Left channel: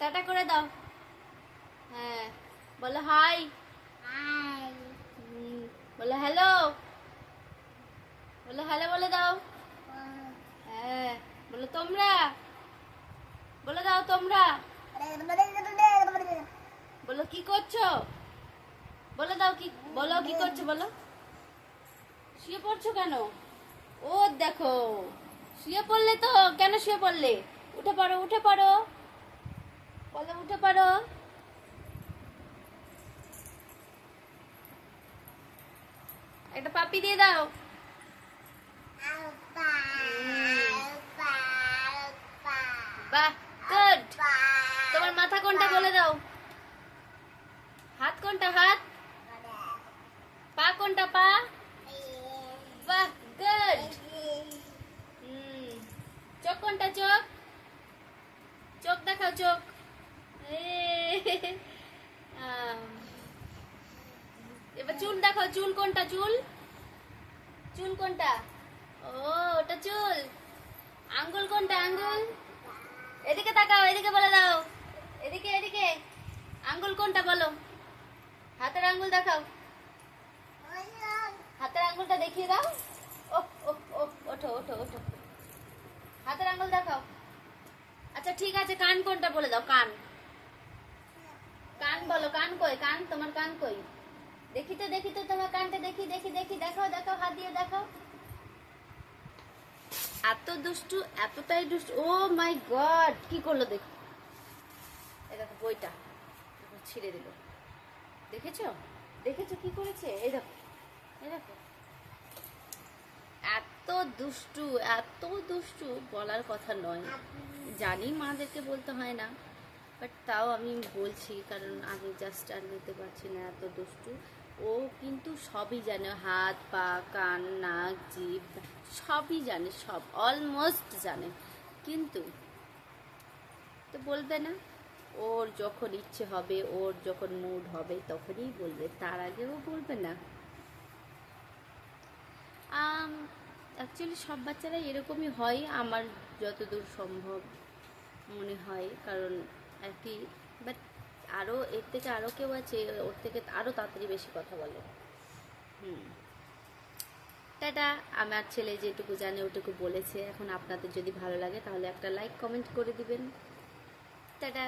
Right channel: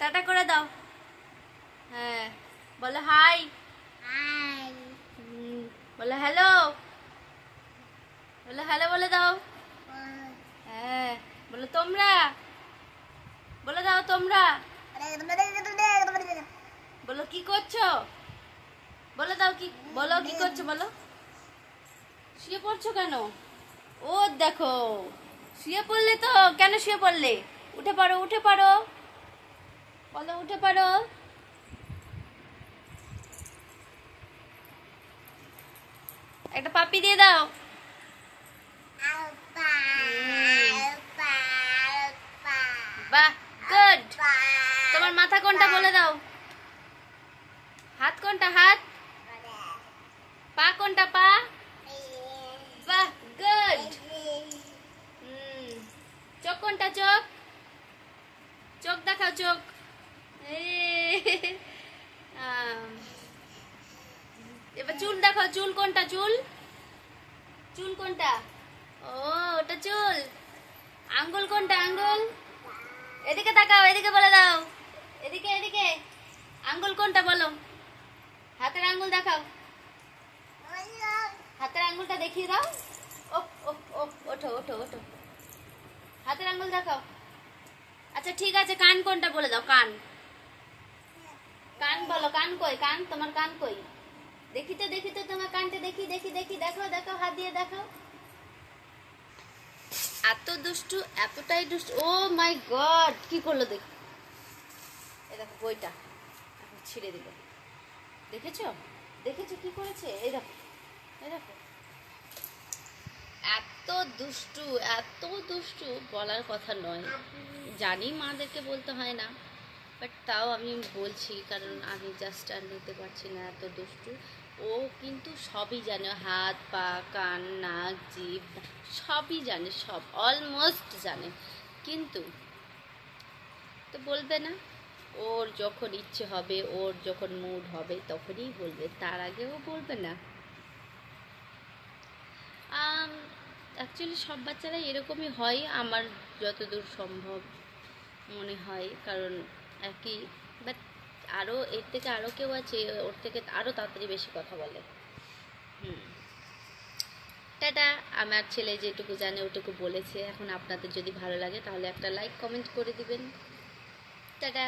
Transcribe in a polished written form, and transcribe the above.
Tata করে দাও। হ্যাঁ বলো হাই। বলো হ্যালো। বলো হ্যালো বলে দাও। হ্যাঁ বলো তোমরা। বলে দাও তোমরা। বলো কি করছো। বলে দাও কি। বলো কি করছো বলো। শুয়ে পড়ছো কেন? ও দেখো শুয়ে পড়লে তো। কেন শুয়ে পড়লে? উঠে পড়ো উঠে পড়ো। বলো উঠে পড়ো। একটা পাপ্পি দিয়ে দাও। বাহ গুড। তোমার মাথা কোনটা বলে দাও। হাত কোনটা হাত। পা কোনটা পা। বাহ গুড। চোখ কোনটা চোখ। চোখ দেখাও চোখ। এবার চুল দেখাও চুল কোনটা চুল। চুল কোনটা। ও ওটা চুল। আঙ্গুল কোনটা আঙ্গুল। এদিকে তাকাও এদিকে বলে দাও। এদিকে এদিকে। আঙ্গুল কোনটা বলো। হাতের আঙ্গুল দেখাও। হাতের আঙ্গুলটা দেখিয়ে দাও। ও ও ও ওঠো ওঠো ওঠো। হাতের আঙ্গুল দেখাও। আচ্ছা ঠিক আছে কান কোনটা বলে দাও কান। কান বলো কান কই কান তোমার কান কই। দেখি তো তোমার কানটা দেখি দেখি দেখি দেখাও দেখাও হাত দিয়ে দেখাও। এত দুষ্টু এতটাই দুষ্টু। ও মাই গড কি করলো দেখ। এই দেখো বইটা ছিঁড়ে দিল। দেখেছো দেখেছো কি করেছে। এই দেখো এই দেখো। এত দুষ্টু এত দুষ্টু বলার কথা নয়। জানি মাদেরকে বলতে হয় না, বাট তাও আমি বলছি কারণ আমি জাস্ট আর নিতে পারছি না। এত দুষ্টু ও কিন্তু সবই জানে। হাত পা কান নাক জিভ সবই জানে, সব অলমোস্ট জানে, কিন্তু তো বলবে না। ওর যখন ইচ্ছে হবে ওর যখন মুড হবে তখনই বলবে, তার আগেও বলবে না। অ্যাকচুয়ালি সব বাচ্চারাই এরকমই হয় আমার যতদূর সম্ভব মনে হয়, কারণ একই। বাট আরও এর থেকে আরও কেউ আছে ওর থেকে আরও তাড়াতাড়ি বেশি কথা বলে। টাটা। আমার ছেলে যেটুকু জানে ওটুকু বলেছে। এখন আপনাদের যদি ভালো লাগে তাহলে একটা লাইক কমেন্ট করে দিবেন। টাটা।